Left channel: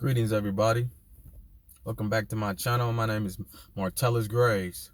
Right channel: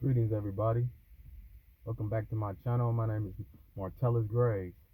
Greetings, everybody. Welcome back to my channel. My name is Martellus Graves.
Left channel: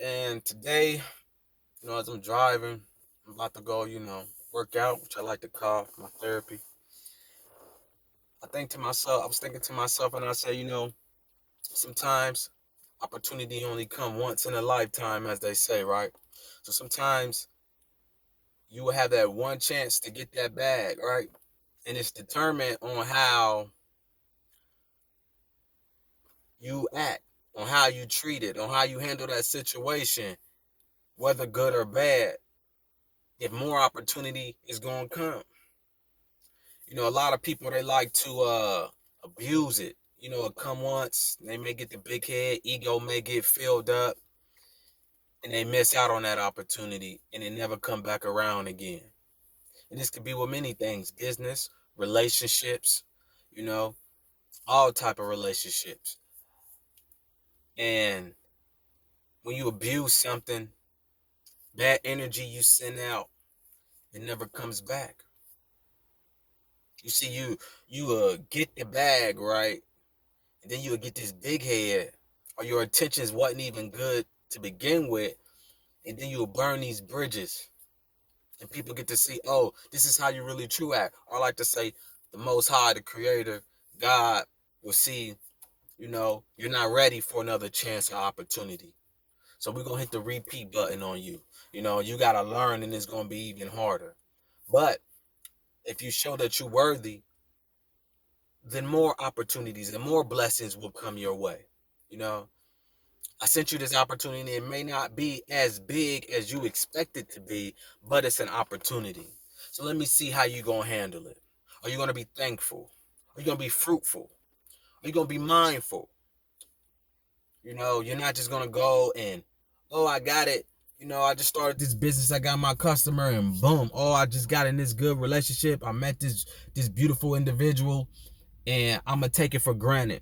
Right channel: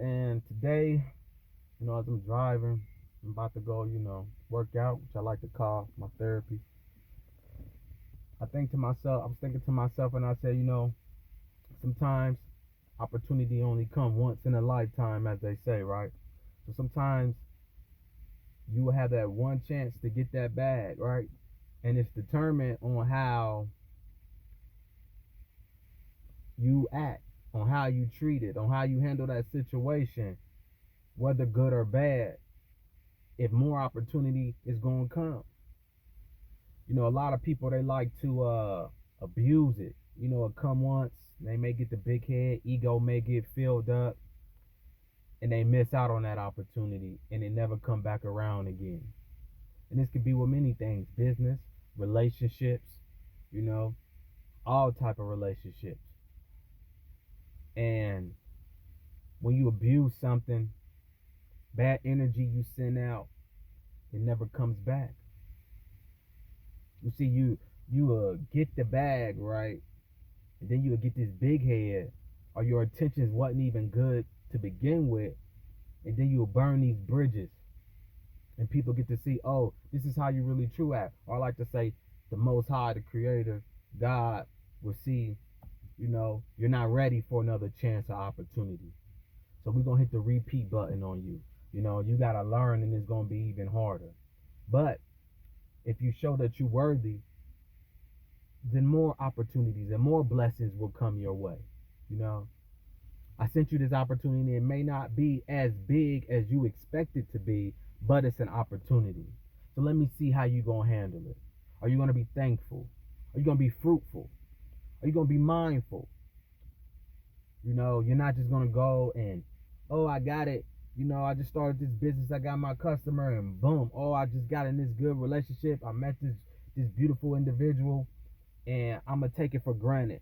And today, as I'm driving, I'm about to go, work out, which I like to call my therapy. I was thinking to myself, and I said, sometimes opportunity only come once in a lifetime, as they say, right? So sometimes you will have that one chance to get that bag, right? And it's determined on how you act, on how you treat it, on how you handle that situation, whether good or bad, if more opportunity is going to come. A lot of people, they like to abuse it. It come once, they may get the big head, ego may get filled up, and they miss out on that opportunity, and it never come back around again. And this could be with many things: business, relationships, all type of relationships. And when you abuse something, bad energy you send out, it never comes back. You see, you get the bag, right? And then you'll get this big head, or your intentions wasn't even good to begin with, and then you'll burn these bridges. And people get to see, oh, this is how you really true act. Or I like to say, the Most High, the Creator, God, will see, you're not ready for another chance or opportunity. So we're going to hit the repeat button on you. You got to learn, and it's going to be even harder. But if you show that you're worthy, then more opportunities and more blessings will come your way. I sent you this opportunity. It may not be as big as you expect it to be, but it's an opportunity. So let me see how you're going to handle it. Are you going to be thankful? Are you going to be fruitful? Are you going to be mindful? You're not just going to go and, oh, I got it. I just started this business. I got my customer and boom. Oh, I just got in this good relationship. I met this beautiful individual and I'm going to take it for granted.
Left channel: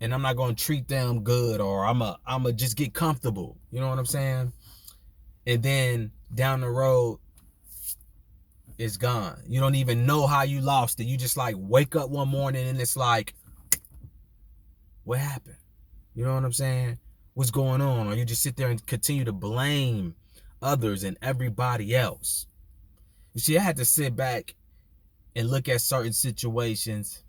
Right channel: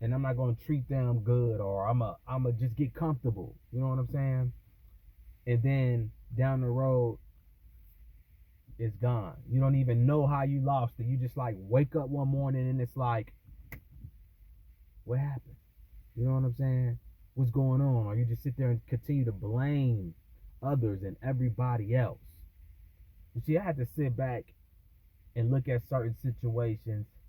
And I'm not going to treat them good, or I'm a just get comfortable. You know what I'm saying? And then down the road, it's gone. You don't even know how you lost it. You just like wake up one morning and it's like, what happened? You know what I'm saying? What's going on? Or you just sit there and continue to blame others and everybody else. You see, I had to sit back and look at certain situations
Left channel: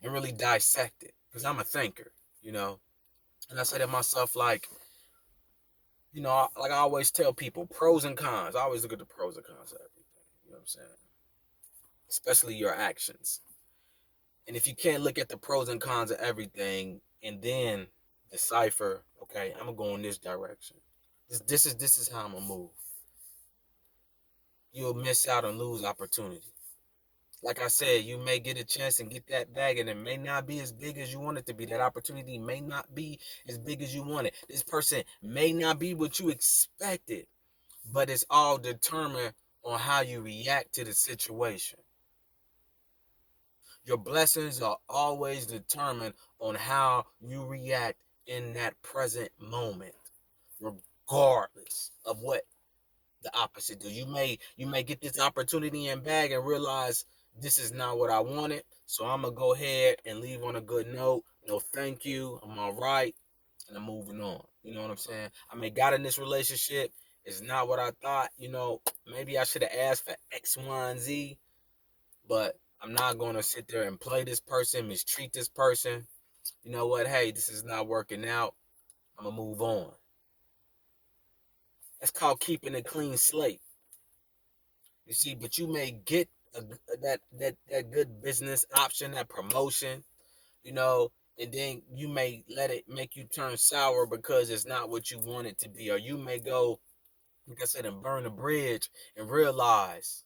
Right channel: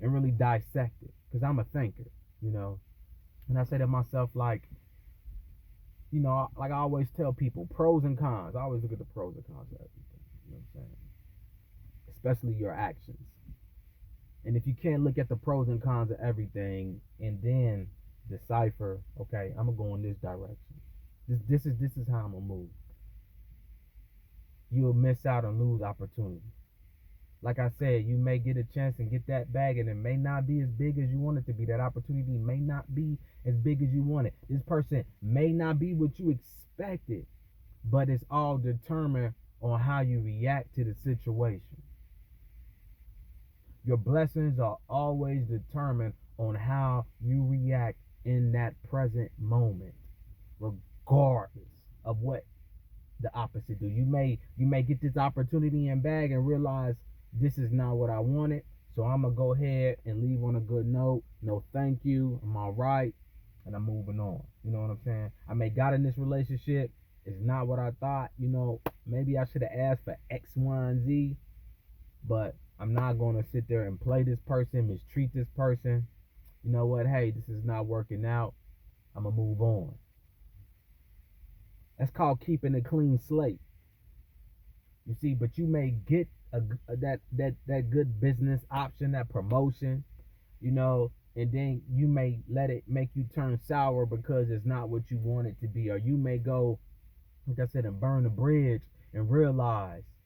and really dissect it, because I'm a thinker, And I say to myself, like I always tell people, pros and cons. I always look at the pros and cons of everything. You know what I'm saying? Especially your actions. And if you can't look at the pros and cons of everything and then decipher, okay, I'm gonna go in this direction. This is how I'm gonna move. You'll miss out and lose opportunity. Like I said, you may get a chance and get that bag, and it may not be as big as you want it to be. That opportunity may not be as big as you want it. This person may not be what you expected, but it's all determined on how you react to the situation. Your blessings are always determined on how you react in that present moment, regardless of what the opposite do. You may get this opportunity and bag and realize this is not what I wanted. So I'm gonna go ahead and leave on a good note. No, thank you. I'm all right, and I'm moving on. You know what I'm saying? I may got in this relationship. It's not what I thought. Maybe I should have asked for X, Y, and Z, but I'm not gonna sit there and play this person, mistreat this person. You know what? Hey, this is not working out. I'm gonna move on. That's called keeping a clean slate. You see, but you may get that good business option, that promotion, and then you may let it make you turn sour because it's not what you want it to be. Or you may go, like I said, and burn the bridge and realize,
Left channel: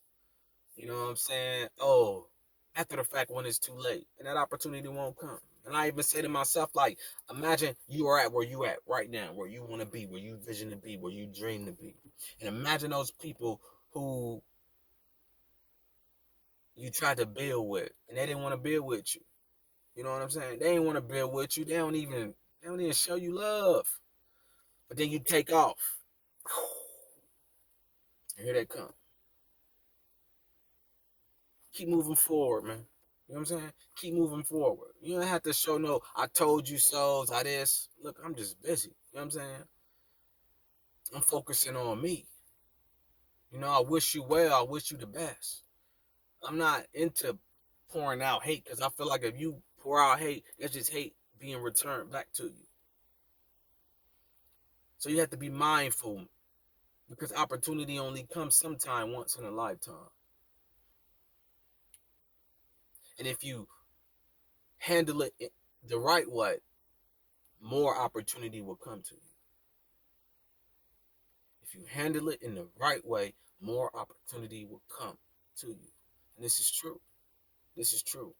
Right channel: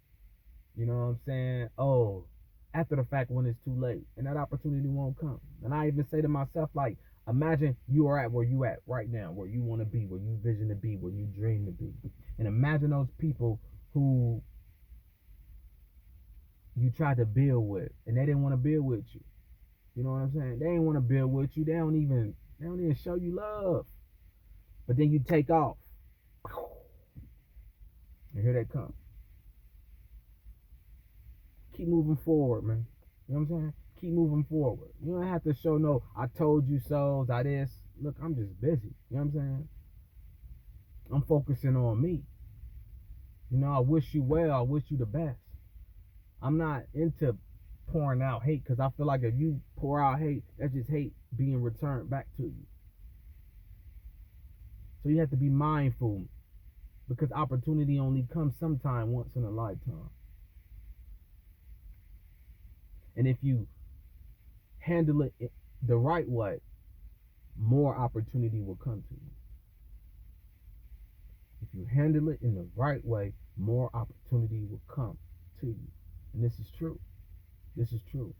you know what I'm saying? Oh, after the fact, when it's too late, and that opportunity won't come. And I even say to myself, like, imagine you are at where you at right now, where you want to be, where you vision to be, where you dream to be. And imagine those people who you tried to build with and they didn't want to build with you. You know what I'm saying? They didn't want to build with you. They don't even show you love. But then you take off. And here they come. Keep moving forward, man. You know what I'm saying? Keep moving forward. You don't have to show no, I told you so, I this. Look, I'm just busy. You know what I'm saying? I'm focusing on me. You know, I wish you well. I wish you the best. I'm not into pouring out hate because I feel like if you pour out hate, that's just hate being returned back to you. So you have to be mindful because opportunity only comes sometime once in a lifetime. And if you handle it the right way, more opportunity will come to you. If you handle it in the right way, more opportunity will come to you. And this is true. This is true.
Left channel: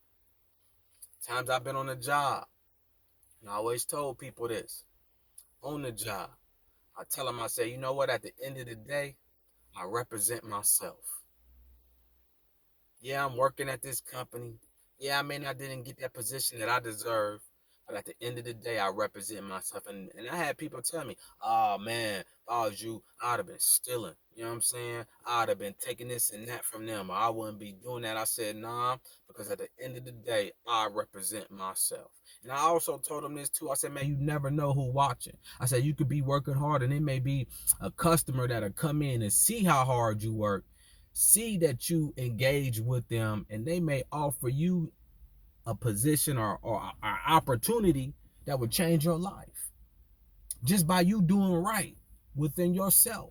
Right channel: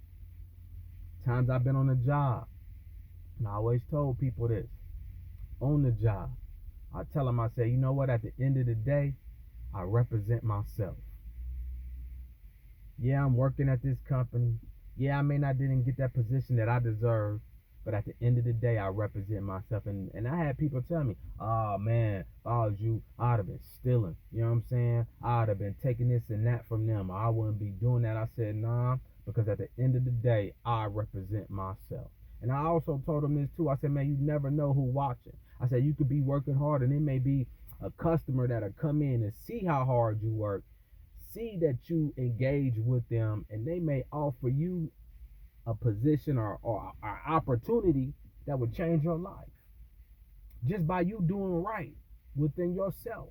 Times I've been on a job, and I always told people this. On the job, I tell them, I say, you know what? At the end of the day, I represent myself. Yeah, I'm working at this company. Yeah, I may not didn't get that position that I deserve, but at the end of the day, I represent myself. And I had people tell me, oh man, if I was you, I'd have been stealing. You know what I'm saying? I'd have been taking this and that from them. Or I wouldn't be doing that. I said, nah, because at the end of the day, I represent myself. And I also told them this too. I said, man, you never know who watching. I said, you could be working hard and it may be a customer that'll come in and see how hard you work, see that you engage with them, and they may offer you a position or an opportunity that would change your life just by you doing right within yourself.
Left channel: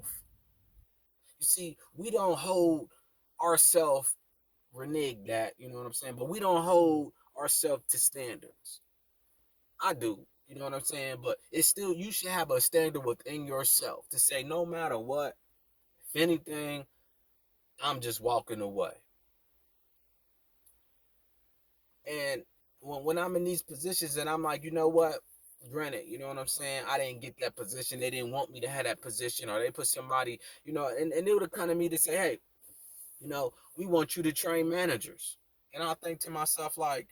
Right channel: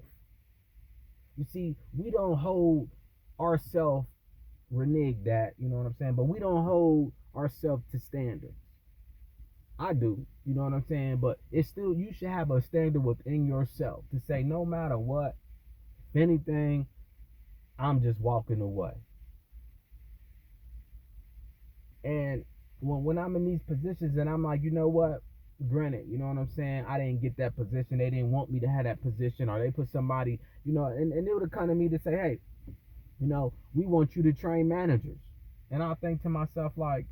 You see, we don't hold ourselves, renege that, you know what I'm saying? But we don't hold ourselves to standards. I do, you know what I'm saying? But it's still, you should have a standard within yourself to say, no matter what, if anything, I'm just walking away. And when I'm in these positions and I'm like, you know what? Granted, you know what I'm saying? I didn't get that position. They didn't want me to have that position, or they put somebody, you know, and they would have come to me to say, hey, you know, we want you to train managers. And I think to myself, like,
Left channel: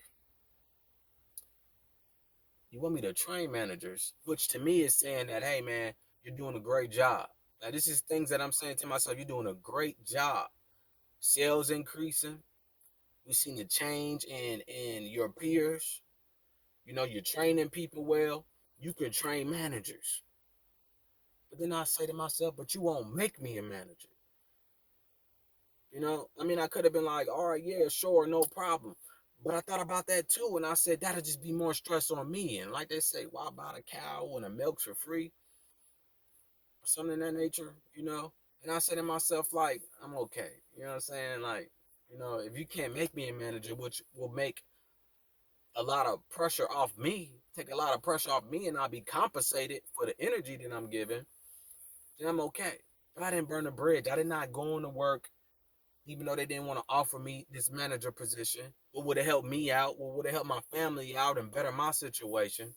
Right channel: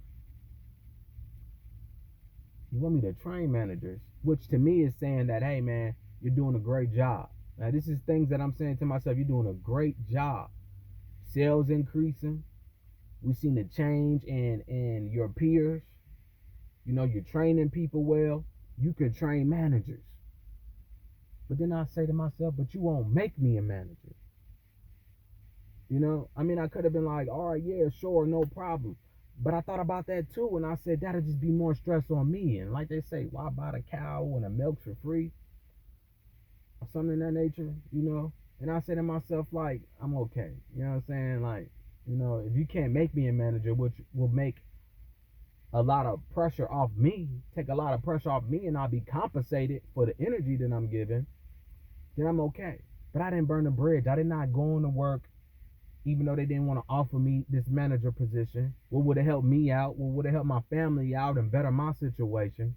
you want me to train managers? Which to me is saying that, hey, man, you're doing a great job. Now, this is things that I'm saying to myself, you're doing a great job. Sales increasing. We've seen the change in your peers. You know, you're training people well. You can train managers. But then I say to myself, but you won't make me a manager. You know, I mean, I could have been like, all right, yeah, sure, no problem. But I thought about that too, and I said, that'll just be more stress on me. And like they say, why buy the cow and the milk's for free? Or something in that nature, you know? And I said to myself, like, I'm okay. You know what I'm saying? Like, you know, if you can't make me a manager, which will make a lot of pressure off me, take a lot of pressure off me, and I'll be compensated for the energy that I'm giving, then I'm okay. But I didn't burn the bridge. I did not go into work, even though they didn't want to offer me this manager position. What would have helped me out? What would have helped my family out and better my situation?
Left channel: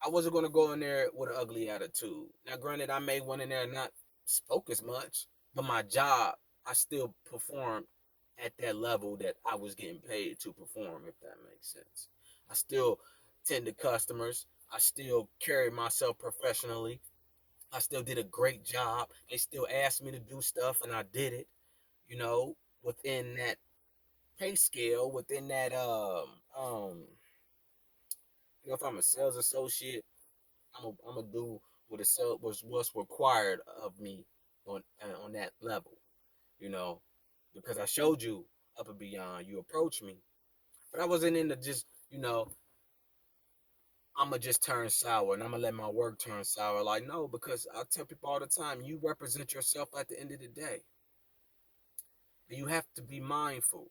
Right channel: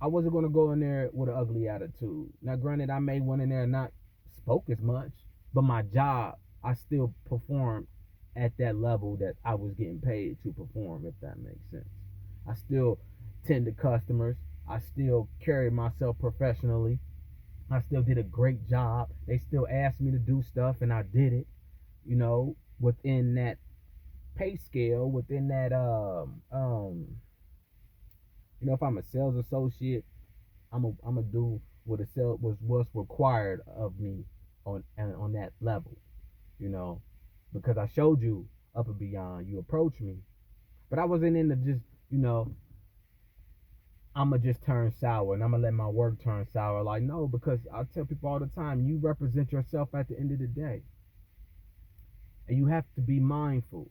I wasn't going to go in there with an ugly attitude. Now, granted, I may went in there and not spoke as much, but my job, I still performed at that level that I was getting paid to perform, if that makes sense. I still tend to customers. I still carried myself professionally. I still did a great job. They still asked me to do stuff and I did it, you know, within that pay scale, within that you know, if I'm a sales associate, I'm a do what a sale was what's required of me on that level, you know, because I showed you up and beyond. You approached me, but I wasn't into just, you know, I'ma just turn sour and I'ma let my work turn sour. Like, no, because I tell people all the time, you represent yourself at the end of the day, and you have to be mindful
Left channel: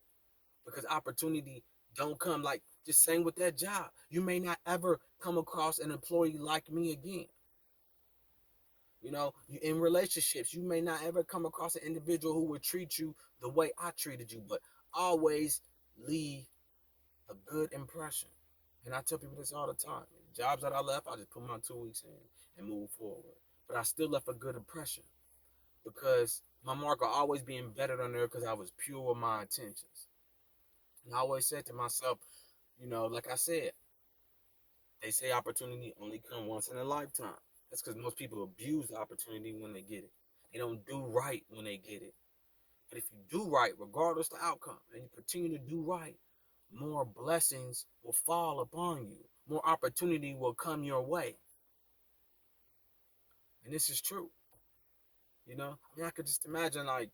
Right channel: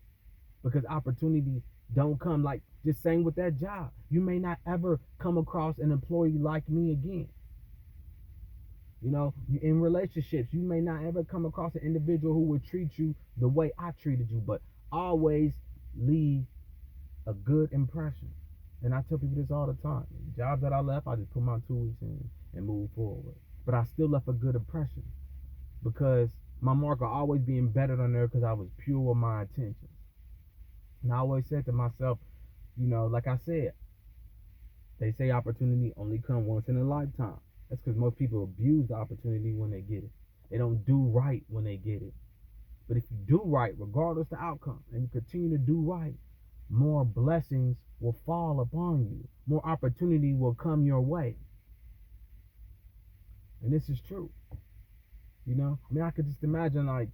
because opportunity don't come like just saying with that job. You may not ever come across an employee like me again. You know, in relationships, you may not ever come across an individual who would treat you the way I treated you, but always leave a good impression. And I tell people this all the time. Jobs that I left, I just put my 2 weeks in and move forward. But I still left a good impression because my mark will always be embedded on there because I was pure with my intentions. And I always said to myself, you know, like I said, they say opportunity only come once in a lifetime. That's because most people abuse the opportunity when they get it. They don't do right when they get it. But if you do right, regardless of the outcome, and you continue to do right, more blessings will fall upon you. More opportunity will come your way. And this is true. You know, I mean, I could just imagine, like,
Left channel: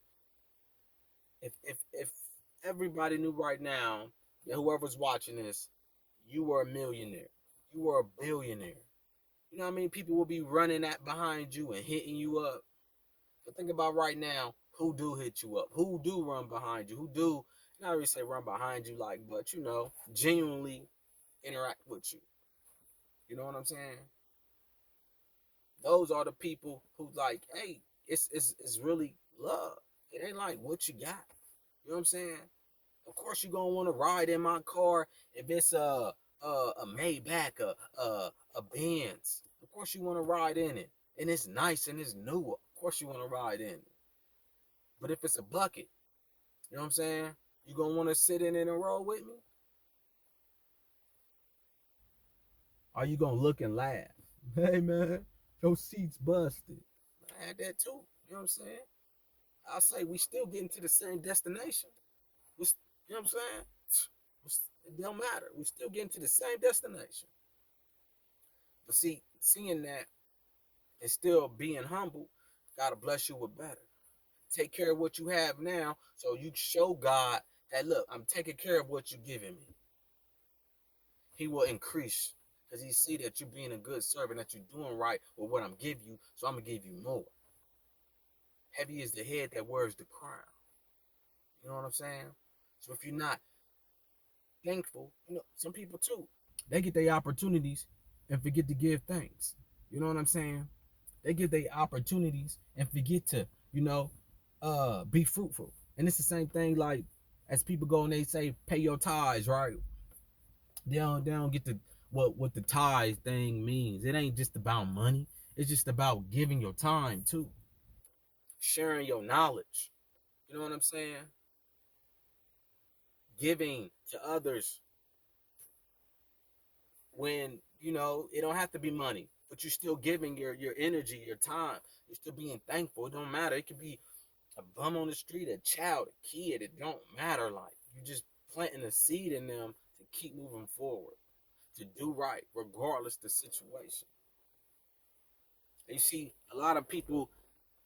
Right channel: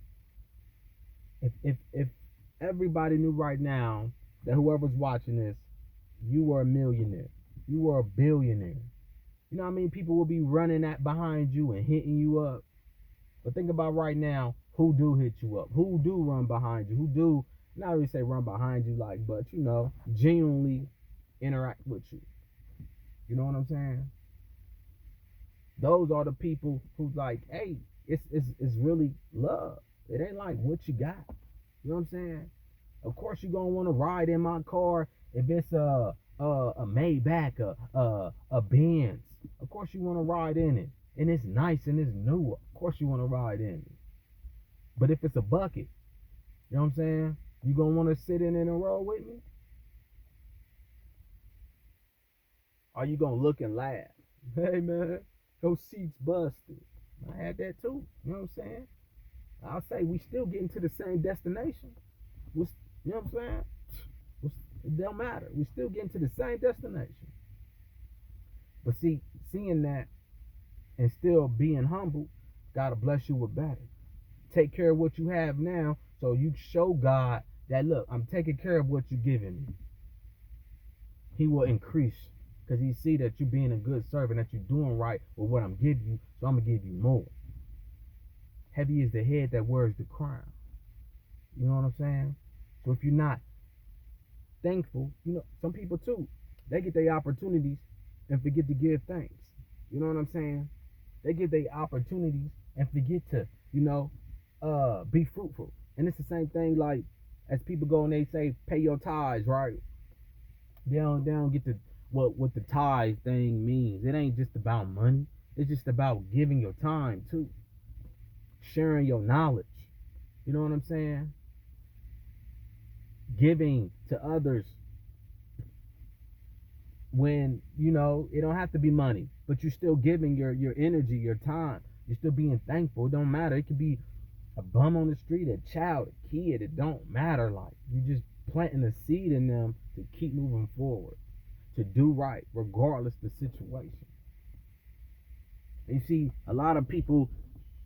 if everybody knew right now that whoever's watching this, you were a millionaire, you were a billionaire. You know what I mean? People will be running at behind you and hitting you up. But think about right now, who do hit you up? Who do run behind you? Who do, not really say run behind you, like, but, you know, genuinely interact with you. You know what I'm saying? Those are the people who, like, hey, it's really love. It ain't like what you got. You know what I'm saying? Of course you're gonna want to ride in my car if it's a Maybach, a Benz. Of course you want to ride in it, and it's nice and it's new. Of course you want to ride in it. But if it's a bucket, you know what I'm saying? You gonna want to sit in it and roll with me? Or you gonna look and laugh? Hey man, those seats busted. I had that too. You know what I'm saying? I'll say we still getting to the same destination. You know what I'm saying? It don't matter. We still getting to the same destination. But see, seeing that and still being humble, gotta bless you with better. Take care of what you have now, so you show God that, look, I'm taking care of what you're giving me. He will increase because he see that you're being a good servant, that you're doing right with what I'm giving you, so I'm gonna give you more. Heavy is the head that wears the crown. You know what I'm saying? So if you're not thankful, you know, some people too, they get their opportunities and forget to give thanks. You know what I'm saying? They get their opportunities and forget to, you know, be fruitful. And it's the same thing, like, as people go and they say pay your tithes, right? They don't get the what the tithe thing means. It ain't just about money. It's just about giving your time too. Sharing your knowledge. You know what I'm saying? Giving to others when, you know, it don't have to be money, but you're still giving your energy, your time. You're still being thankful. It don't matter. It could be a bum on the street, a child, a kid. It don't matter. Like, you just planting a seed in them to keep moving forward, to do right regardless the situation. And you see, a lot of people,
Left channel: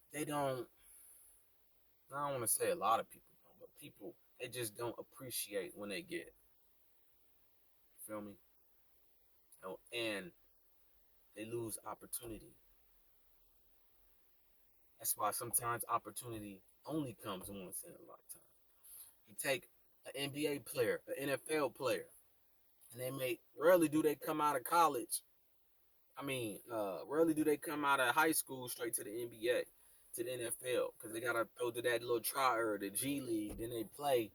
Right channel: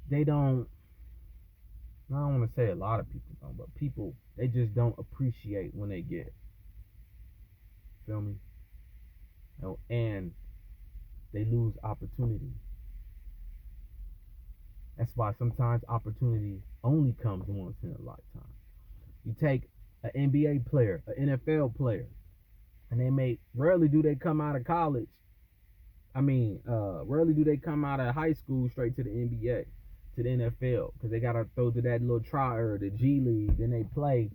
they don't, I don't want to say a lot of people don't, but people, they just don't appreciate when they get it. Feel me? And they lose opportunity. That's why sometimes opportunity only comes once in a lifetime. You take an NBA player, an NFL player, and rarely do they come out of college. Rarely do they come out of high school straight to the NBA, to the NFL, because they gotta throw to that little trier, the G League, then they play,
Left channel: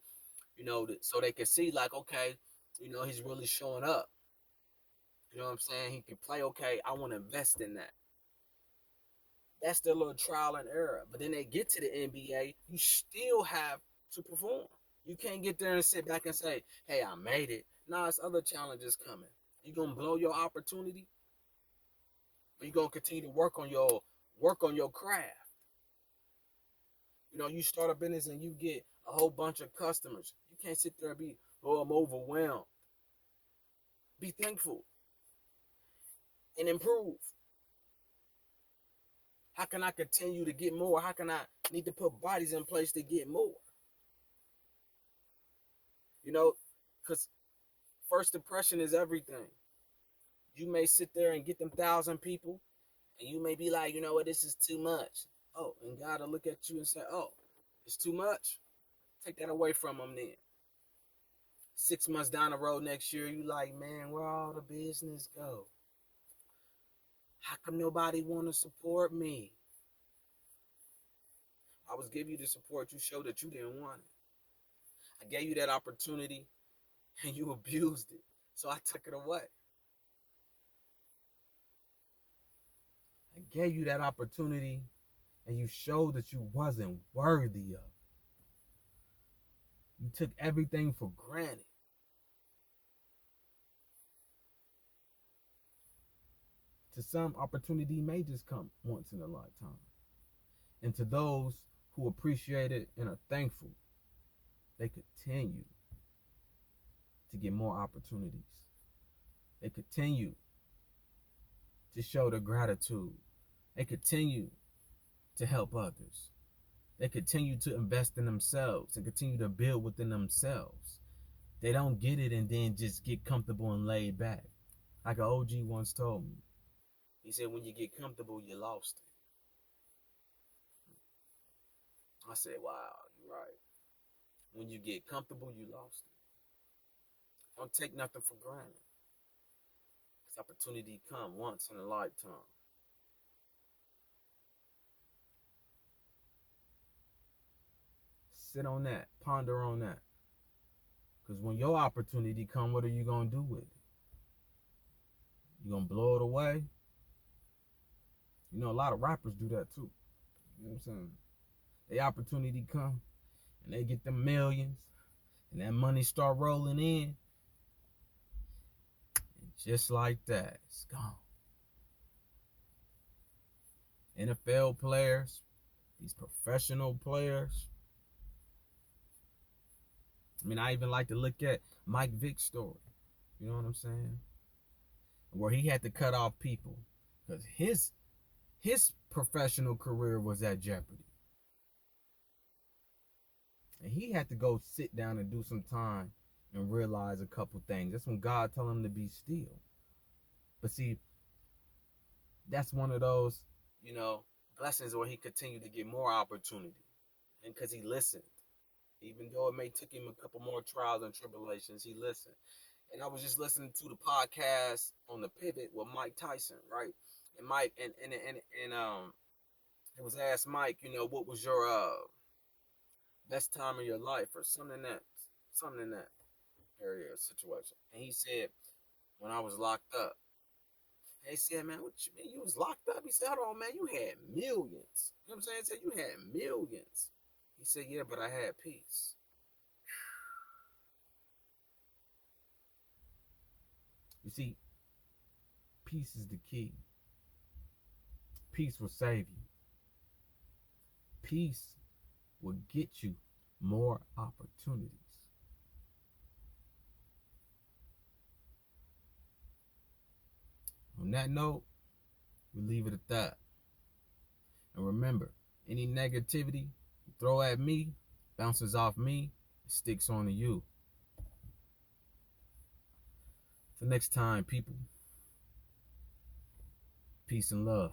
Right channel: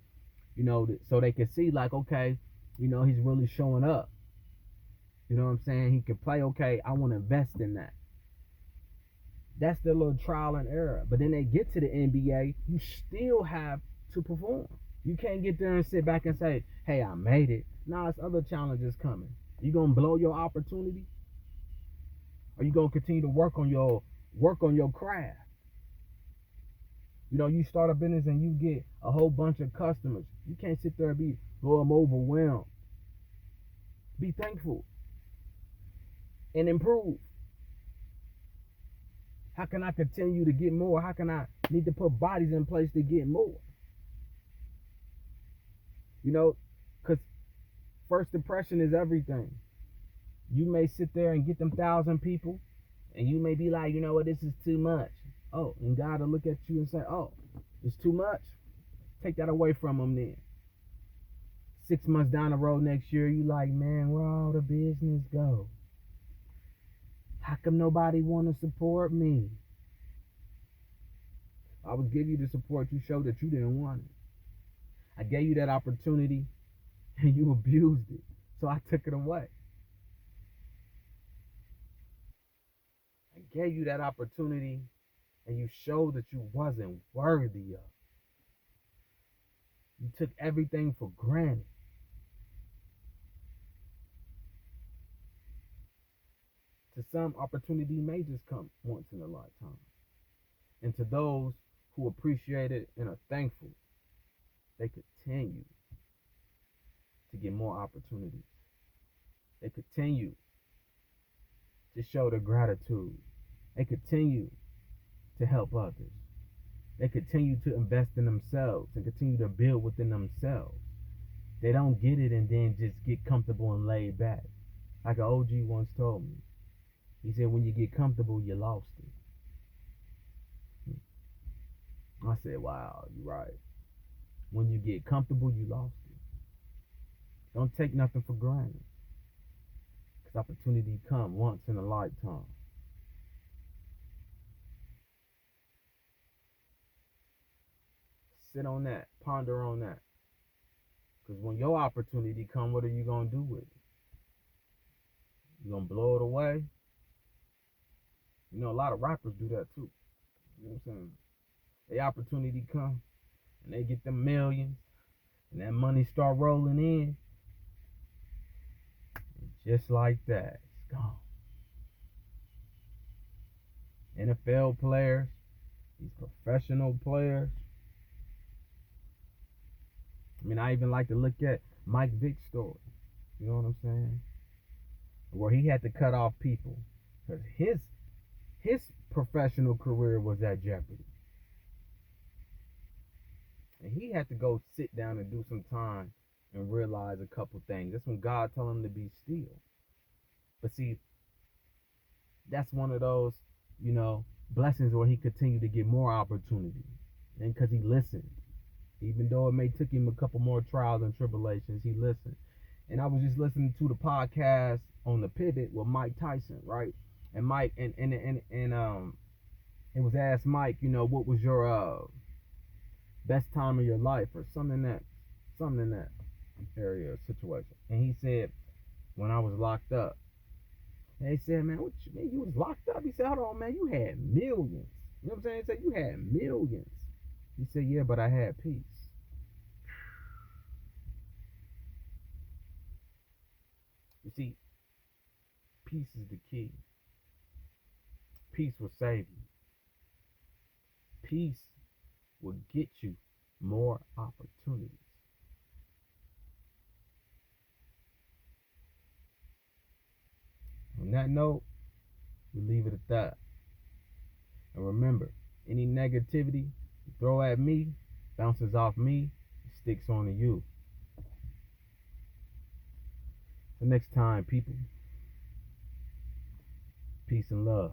you know, so they can see, like, okay, you know, he's really showing up. You know what I'm saying? He can play. Okay, I want to invest in that. That's their little trial and error. But then they get to the NBA, you still have to perform. You can't get there and sit back and say, hey, I made it. Nah, it's other challenges coming. You gonna blow your opportunity? Or you gonna continue to work on your craft? You know, you start a business and you get a whole bunch of customers. You can't sit there and be, oh, I'm overwhelmed. Be thankful and improve. How can I continue to get more? How can I need to put bodies in place to get more? You know, because first impression is everything. You may sit there and get them 1,000 people, and you may be like, you know what, this is too much. Oh, and God will look at you and say, oh, it's too much. Take that away from them then. 6 months down the road next year, you like, man, where all the business go? How come nobody want to support me? I was giving you the support. You showed that you didn't want it. I gave you that opportunity and you abused it. So I took it away. I gave you that opportunity and you showed that you wasn't worthy of. You took everything for granted. To some, opportunity may just come once in a lifetime. And to those who appreciate it and are thankful, they continue to get more opportunities. They continue to show their gratitude. They continue to help others. They continue to invest in themselves and continue to build within themselves. They don't get it and then just get comfortable and laid back. Like an OG once told me. He said, when you get comfortable, you lost it. I said, wow, you're right. When you get comfortable, you lost it. Don't take nothing for granted. Because opportunity come once in a lifetime. Sit on that. Ponder on that. Because when your opportunity come, what are you going to do with it? You going to blow it away? You know, a lot of rappers do that too. You know what I'm saying? The opportunity come and they get them millions and that money start rolling in. And just like that, it's gone. NFL players, these professional players. I mean, I even like to look at Mike Vick's story. You know what I'm saying? Where he had to cut off people because his professional career was at jeopardy. And he had to go sit down and do some time and realize a couple things. That's when God told him to be still. But see, that's one of those, you know, blessings where he continued to get more opportunity. And because he listened. Even though it may took him a couple more trials and tribulations, he listened. And I was just listening to the podcast on the Pivot with Mike Tyson, right? And Mike and it was asked Mike, you know, what was your best time of your life or something in that area or situation. And he said, when I was locked up. And they said, man, what you mean you was locked up? He said, hold on, man, you had millions. You know what I'm saying? He said, you had millions. He said, yeah, but I had peace. You see, peace is the key. Peace will save you. Peace will get you more opportunities. On that note, we leave it at that. And remember, any negativity you throw at me bounces off me, it sticks onto you. Till next time, people. Peace and love.